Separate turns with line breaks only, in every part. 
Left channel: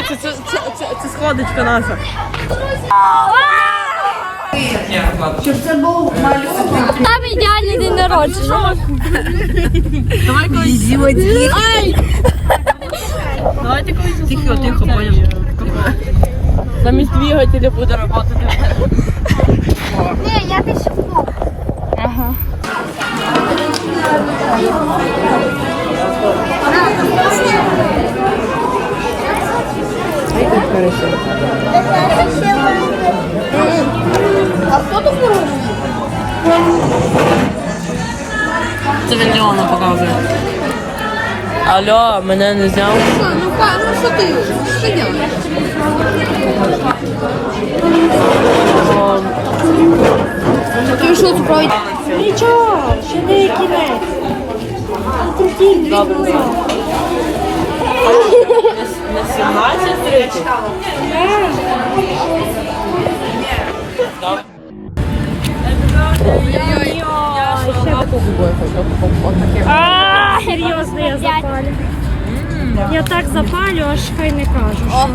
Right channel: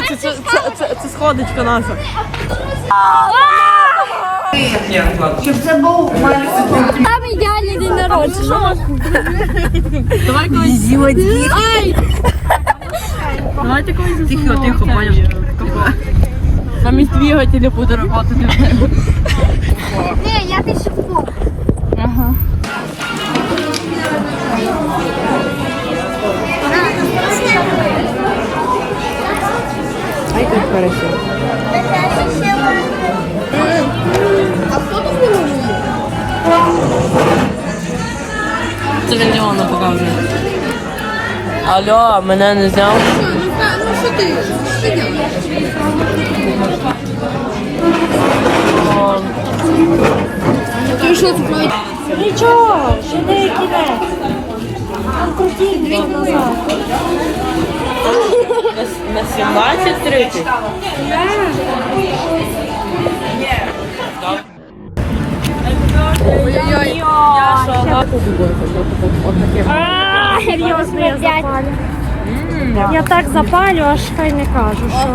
Це сходочка наша.
Щоб це був там ідеальний день народження.
Давай колись. Давайте колись засунемо. Тихо, понял. Замість двигателя буде работати.
Ні, я пишу. Ага.
Ай, как хорошо.
А хто тут робить?
Це він Діона показує. Алло, мене не зняв?
Ну що ти? Що ти робиш? Отлично пройде. Нічого, що ти який?
Добре. На 17:30?
Ой-ой-ой. Серйозно, я запалю. Я так запалю, аж хай не кажу, що.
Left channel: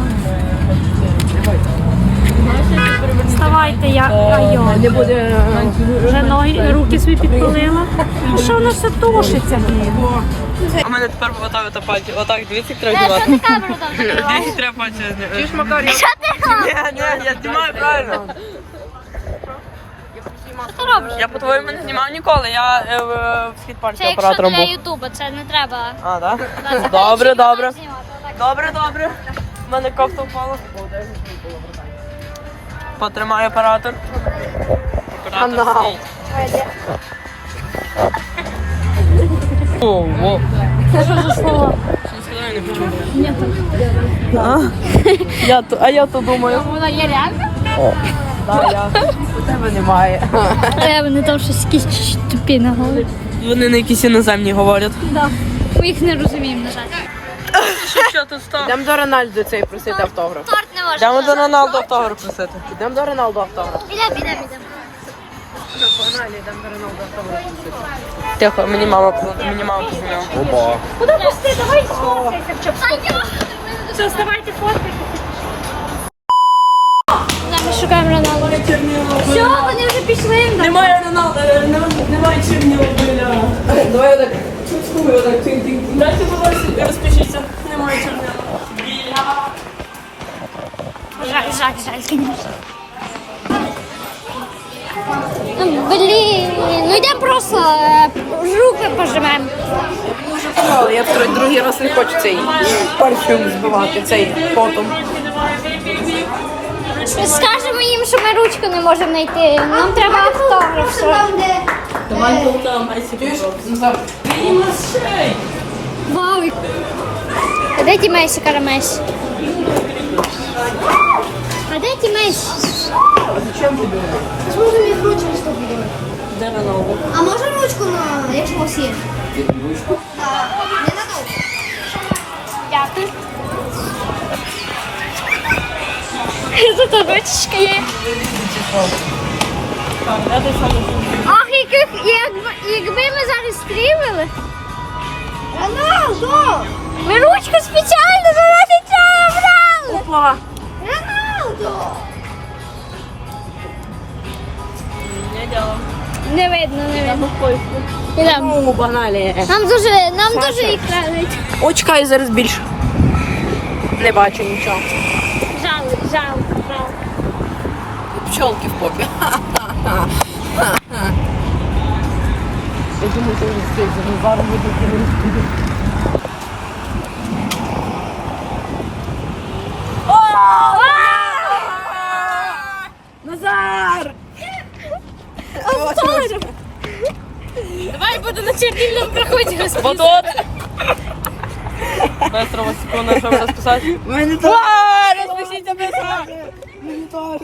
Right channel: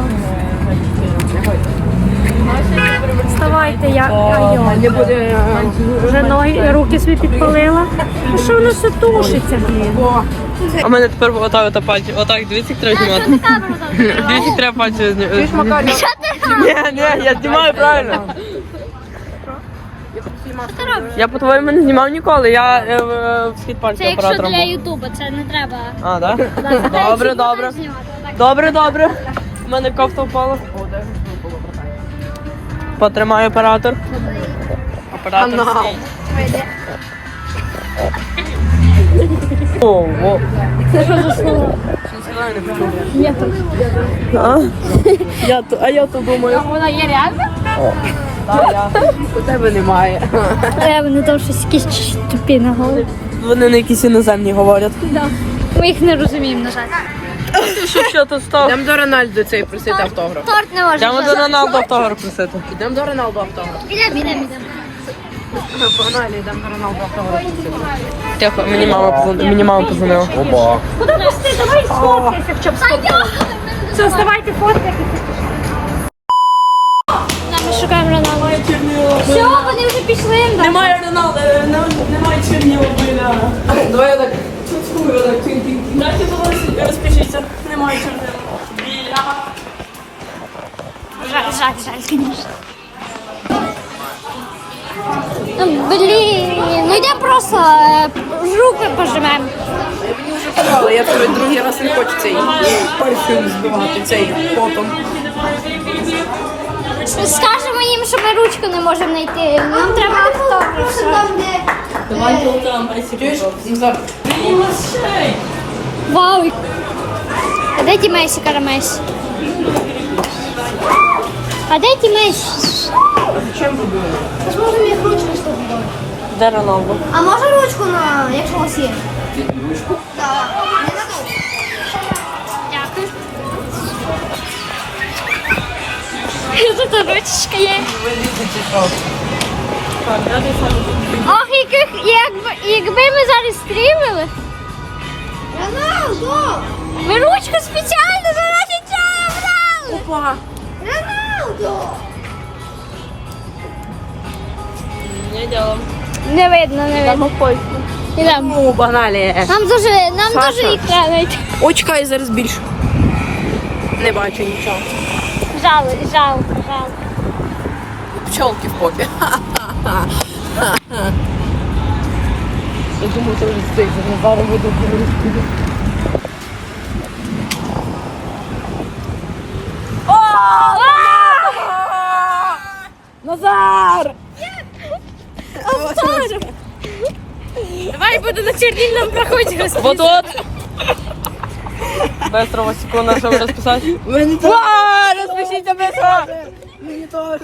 Вставайте, я вже ноги, руки собі підпалила. А що воно сутушиться?
А в мене тепер отак пальці. Отак, дивіться, треба знімати. Дивіться, треба пальці знімати. Ні, я знімаю правильно. Я по-твоєму не знімав ніколи, я в схід пальця оператором був.
Це якщо для ютубу, це не треба.
А, так? Добре. У мене кофта впала. Потримай оператор. Оператор стій. О.
Це що за слово?
Я не почув.
Ні.
Я то думаю.
Вона є реальна?
У тебе немає.
Вони там щось якісь тупі на голову.
Вони на якісь іноземні говорять.
Да. Ми їх не розуміємо, на жаль.
Що ти став?
Йдемо до Рональду цей просити автограф.
Торт не може.
Йдемо до Роналду автограф просити.
Йдемо до Роналду автограф.
Ідемо.
Тихо, мені мама позвонила.
Куди ви всі? Давай сфоткайся в чому. Все, вставайте, фоткайте. Ми шукаємо Роналду. Все, вони вже пішли.
Немає Роналду, немає Чернігова біля. Давай я так цуцкую, так тинь-тинь. Дайте, будь ласка, розпишіться. Немає Чернігова.
Жаль, конечно. Блін, ну йдемо просто руки пожимемо.
Мені вже казали, я другий раз не хочу цей парфюм збивати, цей потом.
Скажемо їм, що ми ручку не можемо знайти. Нам треба автограф.
Давай там,
Вау. А де ті Месі, кара Месі? А де ті Месі?
Зачем ви думаєте?
Можна мені ручку
Де Роналду?
А може ручку, якщо у вас є? Ручку? Так. Не надовго. Дякую. Тут ручечка є. Ах, якби ми зараз стрімили. Роналдо! Ми ручку спеціально заради цього брали!
Опа!
Роналдо!
Не діло.
Не видно. Ідемо.
О, баналі.
Нам дуже їх треба знайти.
О, чекай, зараз більше. Не бачу нічого.
Жалко.
Пчолки в попі. Я думаю, що він цей зараз буде говорити. Назар!
Давай буду на чернильном проході розписувати.
Вот. Быстро, вот секунду, щоб розписати.
Мені теж. Розпишіться мене теж. Мені теж.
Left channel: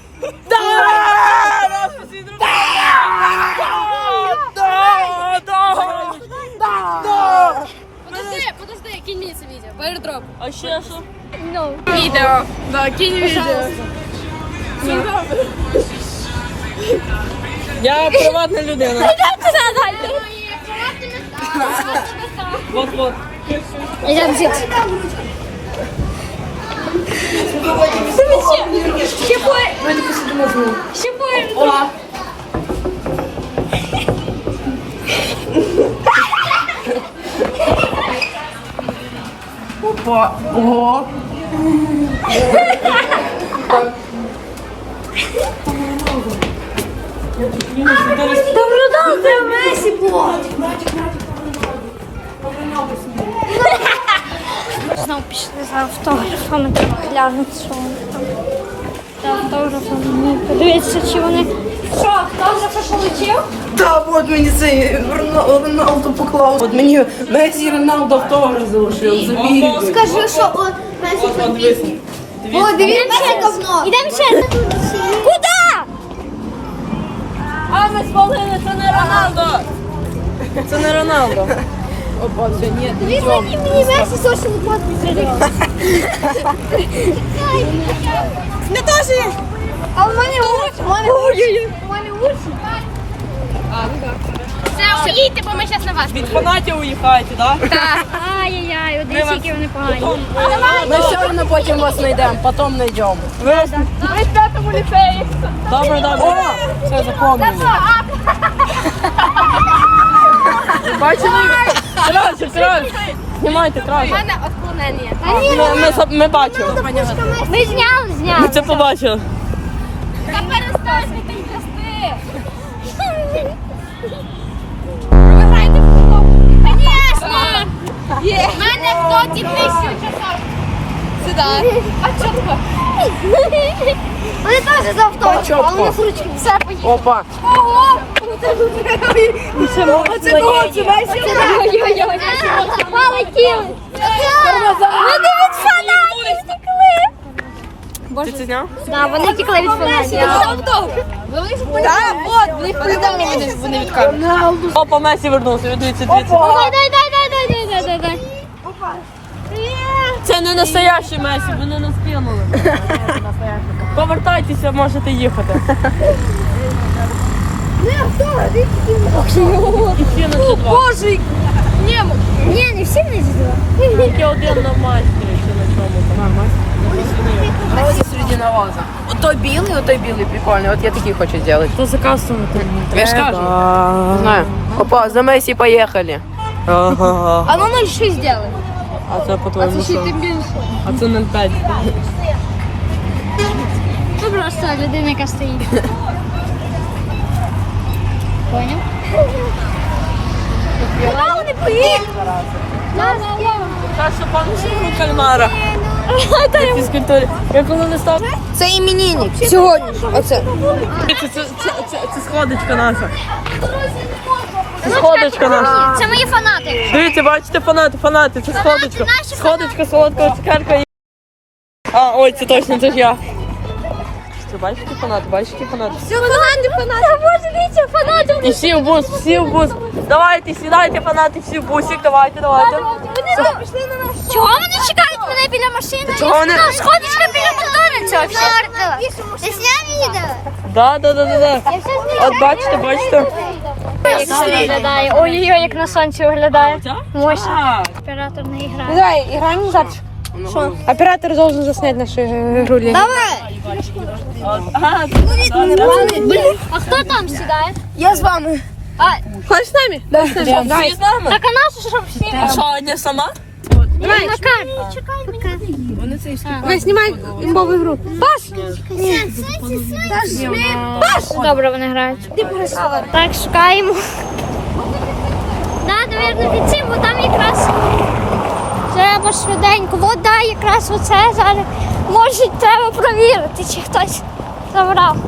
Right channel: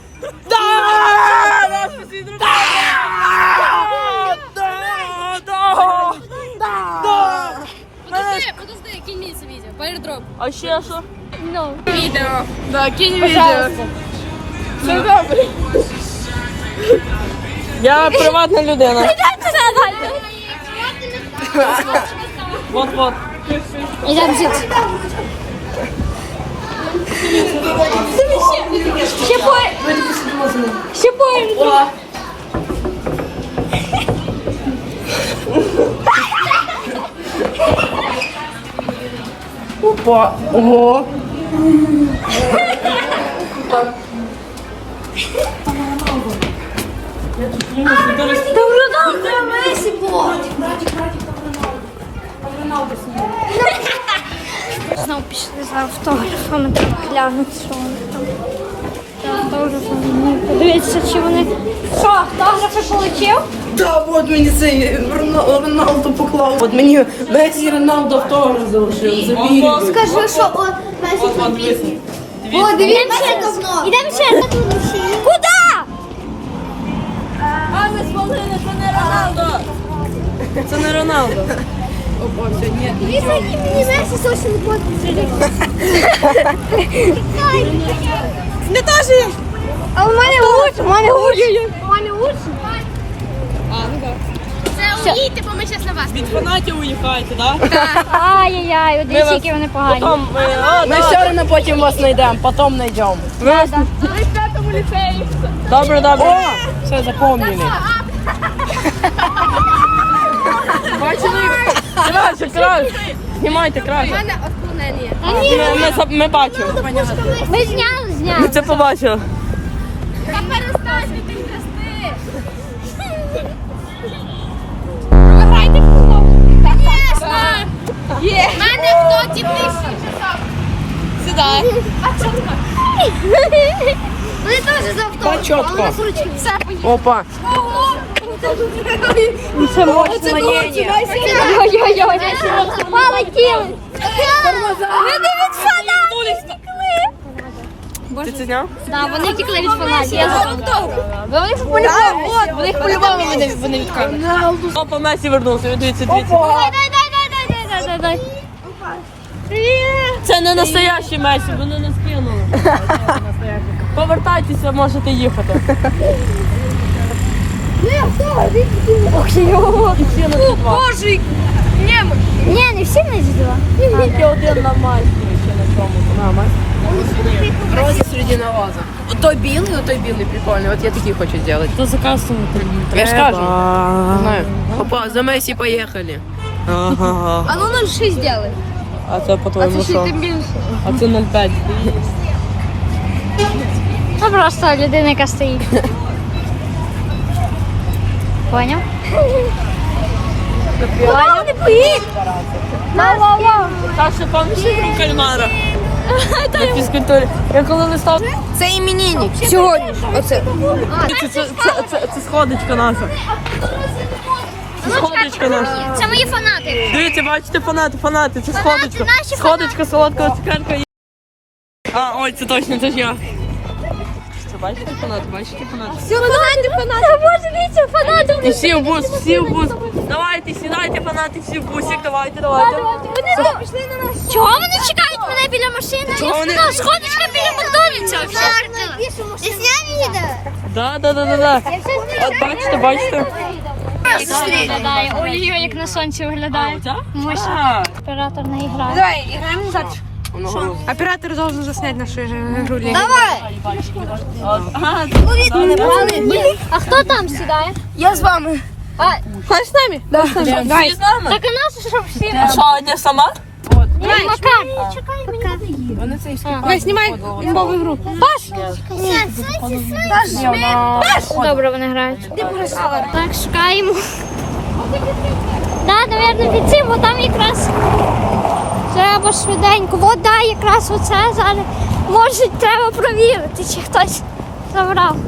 Подожди, кинь мені це відео. Передроп.
А ще що?
Відео. Да, кинь відео.
Я приватна людина. Вот.
Ідемо звідси. Ще поє. Ще поє.
Опа. Ого.
Добро це Месі було. Знову пішли за автографами, треба глянути, що вони там. За автографами. Подивіться, чи вони... Що, автографи получив?
Да, от мені цей Роналдо поклав. От мені Месі Роналдо автограф залишив. Забігли.
Скажи, що он Месі підписник. О, дивіться, говно. Ідемо ще. Куди?
А ми спалили, це не Роналдо. Це не Роналдо.
Опа, все, ні.
Дивіться, мені Месі зовсім не буде.
Не теж є.
А у мене лучше. У мене лучше. У мене лучше.
А, ну так.
Це уїдьте, бо ми зараз на вас.
Від фанатів уїхаєте, так?
Ай-яй-яй, дивіться, які вони погані.
Ми все одно потім вас знайдемо, потім знайдемо.
Ми в п'ятому ліцеї.
Добре, добре. Все, запомнили. Бачите? Краще, краще. Знімайте краще.
мене отклонення.
Ми бачили.
Ми зняли.
Ми це побачили.
Та перестань ти трясти. Конечно. В мене в доті нижче часов.
Сюди.
Пачотка. Вони теж за автограф, а у нас ручки. Все, поїхали.
Опа.
Оце кого? Це Месі? Ой-ой-ой. Полетіли. Вони від фанатів втекли.
Ти це зняв?
Так, вони втекли від фанатів.
Вони по-любому вони від камери.
Опа, Месі вернувся. Дивіться, дивіться.
Дай. Привіт.
Це не настоящий Месі, вони нас кинули. Повертайтеся, можете їхати.
Боже. Ні, не всі не зіла.
Один нормальний.
Рози серед навоза. Отой білий прикольний. От я такий хочу зробити.
Хто заказувати?
Я ж кажу. Знаю. Опа, за Месі поїхали.
Ага.
А ну 0,6 зробили.
А це по-твоєму що? А це 0,5.
Це просто людина, яка стоїть. Поняв? Поняв? Не поїдь!
Так, що помниш про кальмара? На фізкультурі. Я коли не став...
Це іменинник. Сьогодні ж. Оце.
Це сходочка наша. Це сходочка наша.
Це мої фанати.
Дивіться, бачите, фанати, це сходочка.
наші
Сходочка, солодкого цукерка. А, ой, це точно, це ж я. Це бачите фанати?
Це фанати. Боже, дивіться, фанати.
І всі в бус. Давайте, сідайте, фанати, всі в бусик, давайте.
Чого вони чекають мене біля машини?
Чого вони-
Сходочка біля Макдональдса вообще. Ти зняв їде?
Да. От бачите.
Виглядає. Ой-ой-ой, як на сонці виглядає. Мощно. Оператор не грає.
Давай, играем назад. Что? Оператор должен заснять нашу игру.
Давай! А хто там сідає?
Я с вами.
С нами?
Да.
Всі з нами?
Так а нас що всі?
А що, одня сама?
Макар.
Давай, снимай новую игру.
Добре, вони грають. Так, шукаємо. Так, мабуть, під цим, бо там якраз треба швиденько. От, да, якраз оце зараз. Може, треба провірити, чи хтось забрав.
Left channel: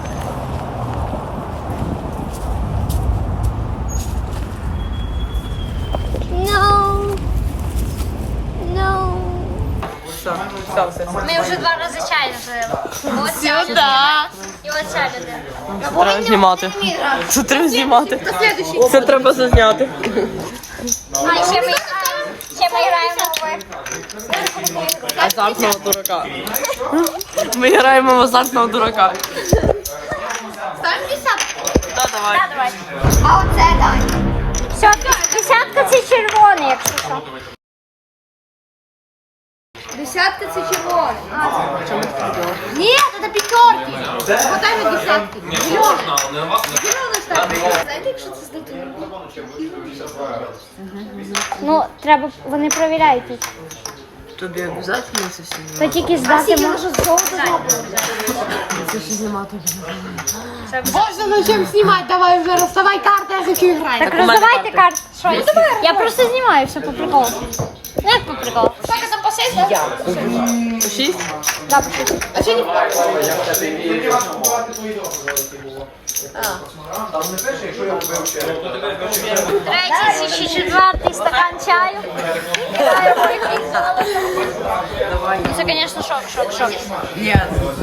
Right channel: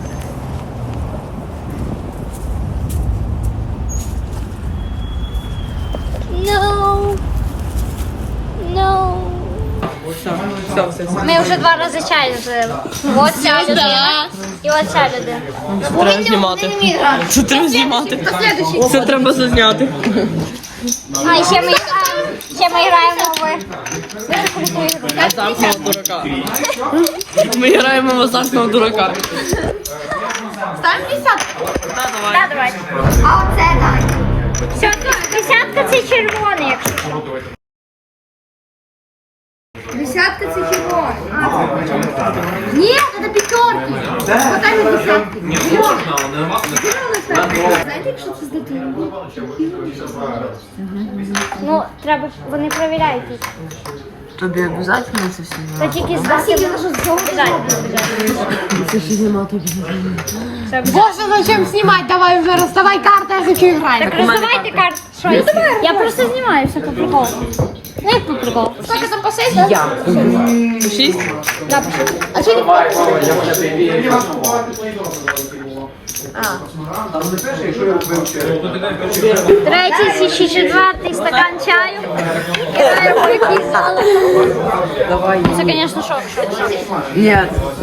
No.
Все.
Ми вже 2 рази чай жили. Ось ця людина і ось ця людина.
Це треба знімати. Це треба знімати. Це треба зазняти.
А, і ще ми граємо в дуже круту ігру.
Ми граємо в азартного дурака.
Ставимо 50? Так, давай. А оце давай. Все, 50 це червоний, якщо що. Десятка це чого? Ні, це п'ятерки. Вот там і десятки. Знаєте, якщо це з дитиною? Ну, треба, вони перевіряють тут.
Тобі обов'язково це все?
Та тільки з дитиною.
Це ще нема тобі.
Боже, зачем знімати? Давай вже розставай карти, я хочу грати. Так роздавайте карти. Що? Я просто знімаю все по приколу. Ну як по приколу? Сколько там по 6, да?
6?
Да, по 6. А що ти? Третій чи четвертий стакан чаю. Вітаємо якийсь золото.
Давай.
Це, звісно, шок.
Ні.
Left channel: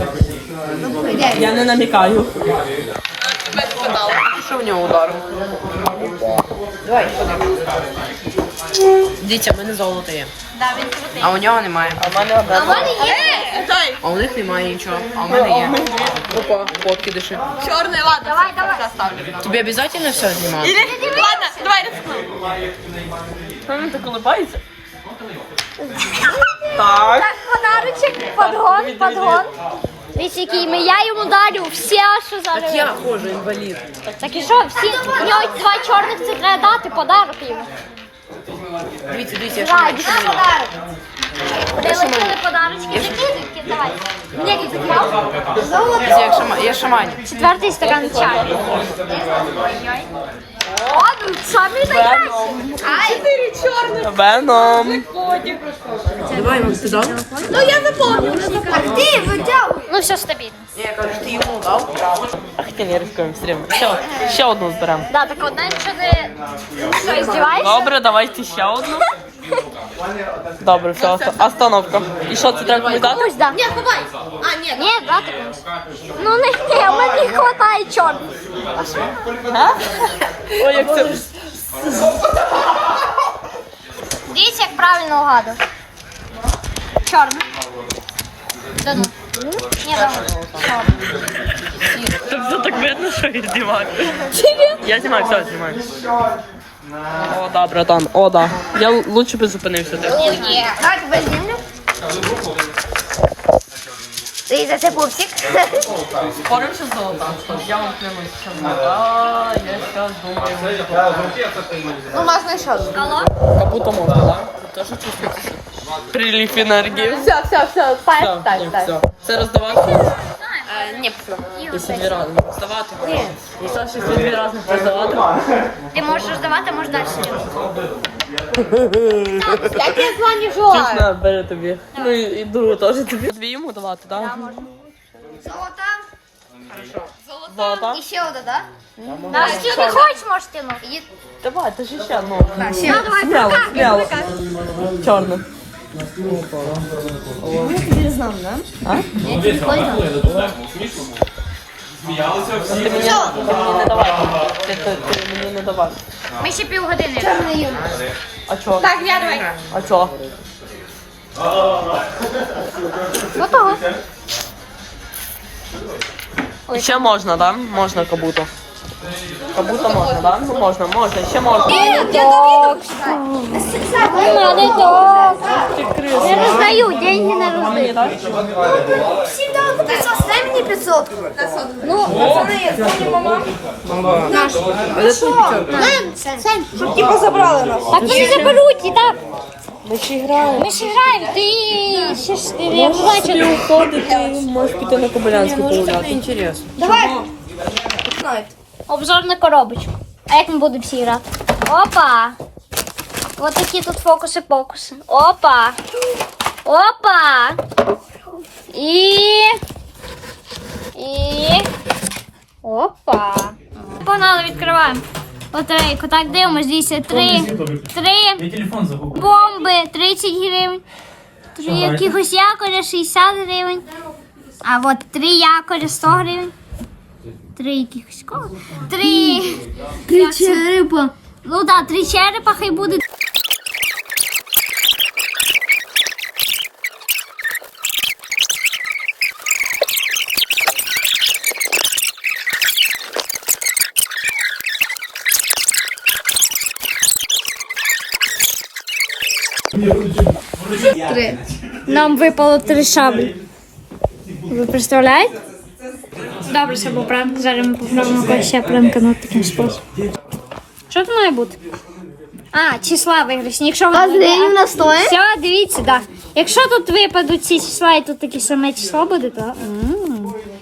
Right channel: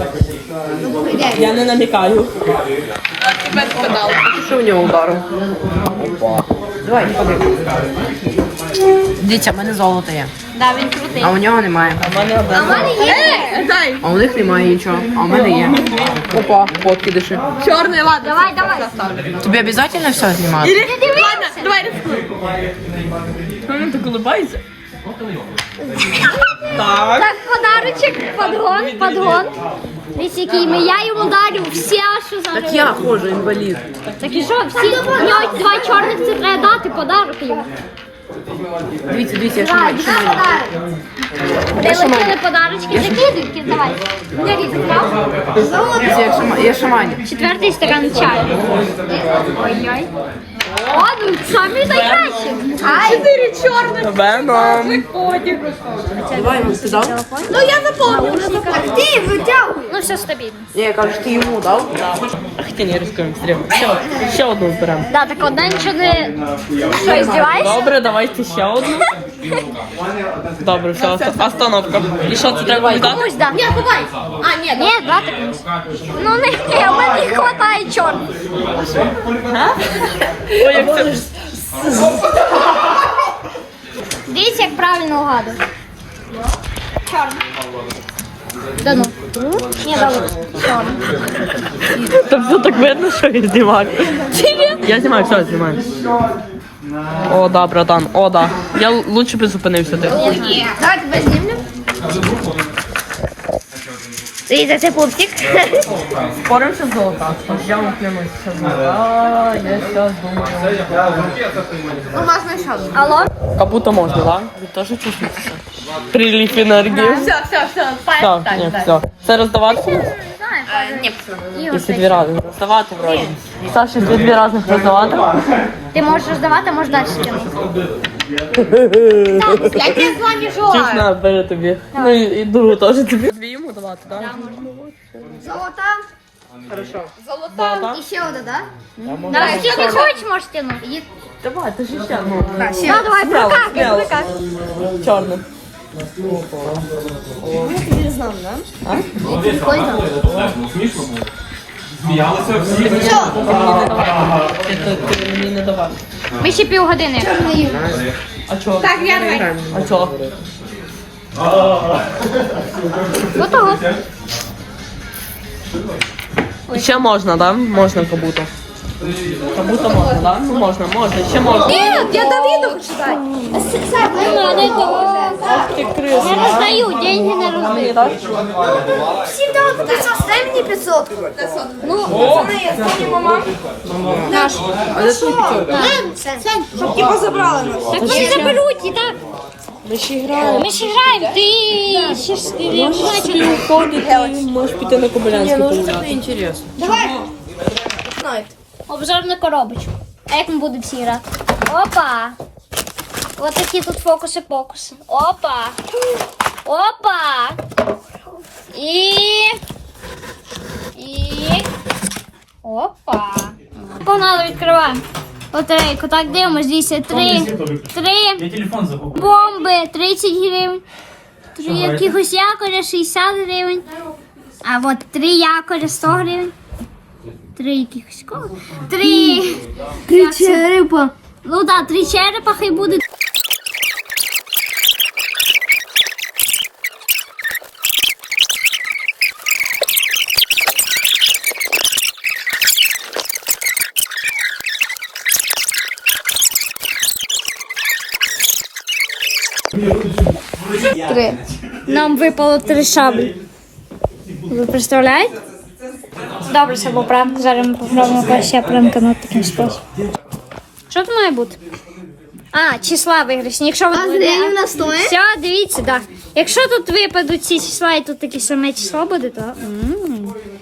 Я не намікаю.
Що в нього ударив? Давай, ходи. Дітя, в мене золото є.
Да, він крутий.
А у нього немає.
А в мене одна.
Дай.
А у них немає нічого. А у мене є. Опа, подкидиши.
Чорний, ладно.
Давай.
Тобі обов'язково все знімати?
Не дивися.
Давай ти колибаєшся? Так.
Так, подарочок, подгон. Дивіться, який ми, я йому дарю все, що зараз.
Я хожу, інвалід.
Так і що, всі, у нього 2 чорних, це треба дати подарок йому.
Дивіться, я
Давай,
шумаю.
це подарок. Прилетіли подарочки, закидуйки, давай. Декілька взяв.
Дивіться, я шаманю.
4-й стакан чаю. Ой-ой. О, ну самі найкращі. Ай. 4 чорних.
Веном.
Давай, ну ти дав?
Ну я запомнив. Ти витягуй. Ну все стабільно.
Ні, я кажу, ти йому дав?
Хотя не рискуємо, стрім. Ще одну збираємо.
Да, так одна нічого не... Що, здіваєшся?
Добре, давайте ще одну. Добре, все, остановка. І що, це треба віддати?
Комусь, да. Ні, давай. А, ні, ні, брати комусь. Ну, не, у мене не хватає чорних.
Ой, як це...
Дивіться, як правильно угадувати. Чорний. Да ну. Ні, да от. Чорний.
Та все так видно, що я знімаю. Я знімаю, все, знімаю. О, да, братан, о, да. Я лучше би зупинився.
Я знаю. Так, тебе знімлю? Дивіться, це пупсик.
Споримося з золота. Я вам клянусь, що золота. Я зараз думаю.
Алло?
Как будто можно, да? Вы тоже чувствуете? Прилив энергии. Все. Все. Це роздавати? Якщо дві разні роздавати вроді. Саша, якщо дві разних роздавати.
Ти можеш роздавати, а можеш далі скинути. Так, я тебе звоню желаю.
Чесно, бери тобі. Ну і другу теж тобі. Дві йому давати, так?
Золота.
Хорошо.
Золота. І ще одна, так? Да, якщо не хочеш, можеш тягнути.
Давай, ти ж ще одну.
Да, давай, прокат.
Чорну. А? Ти мені не давай. Ти мені не давай.
Ми ще півгодини.
А чого? Так, я. А чого?
Готово.
Ще можна, да? Можна как будто. Как будто можна, да? Ну можна, ще можна.
Я Давиду читай. Не то.
Ти крис.
Не роздаю, деньги не
А
роздаю.
мені так?
Всім дали по 500, дай мені 500. Ну,
Наш. А де твій п'ятьох?
щоб тільки забрали нас. Так вони заберуть, і так.
Ми ще граємо.
Ми ще граємо, ти ще ж не
Можеш собі уходити, можеш піти на Кобилянську погуляти.
Інтересно.
Давай. Обзор на коробочку. А як ми будемо всі грати? Опа. Ось такі тут фокуси-покуси. Опа. Опа. І... Опа. Погнали, відкриваємо. Лотерейку. Так, дивимось, дивіться. Три бомби, 30 гривень. 3 якихось якоря, 60 гривень. А от 3 якоря, 100 гривень. 3 якихось кого? 3 черепа. Ну так, 3 черепа хай буде. нам випало 3 шаблі. Ви представляєте? Добре, це був пранк. Зараз ми попробуємо якось ще пранканути таким способом. Що це має бути? А, числа виграшні. Якщо ви
на стоїть?
Все, дивіться, так. Да. Якщо тут випадуть ці числа і тут таке саме число буде, то...